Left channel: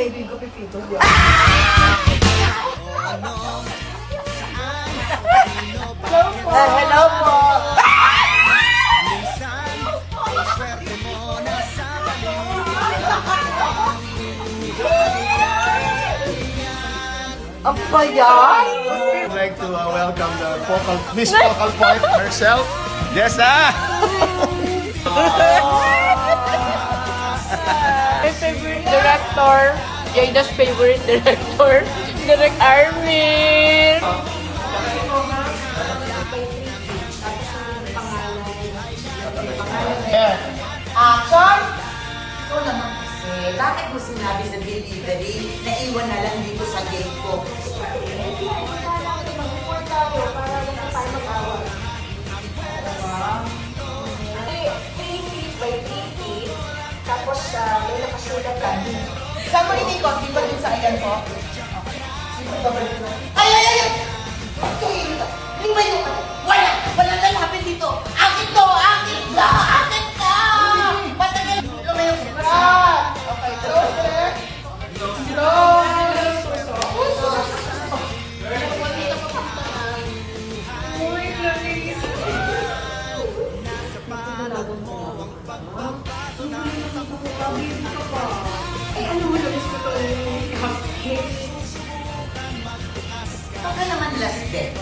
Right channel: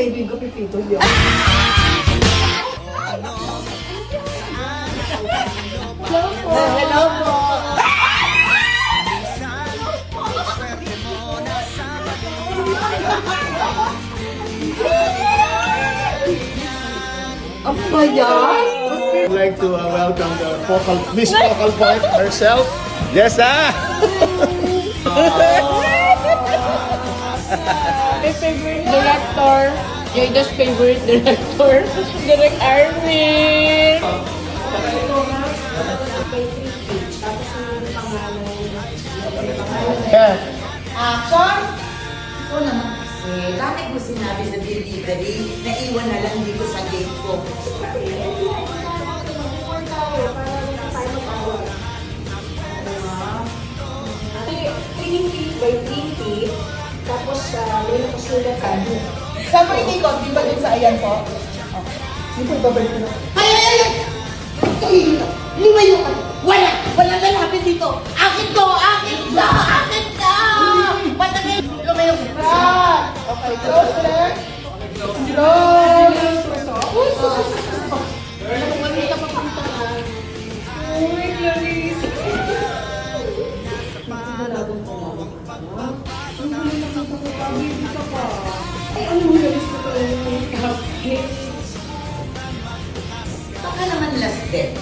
Baby ko, pipito yun. Hello po. Ang bayan! I'd like to welcome the Miss Focal Point herself, Jessa! My favorite director, Jada's favorite director, Direk Arvin. Action! Ikaw naman kasi, bakit mo sinabi sa delivery na iwan na lang dito sa gate ko? Saan mo inikot? Di ba dun sa ayan po? Ay, ay, ay! Lumayo ka! Wala! Wala lalapit dito! Akin to! Akin ka! Akin ka! Patangin! Lumayo ka! Baka naman last bet.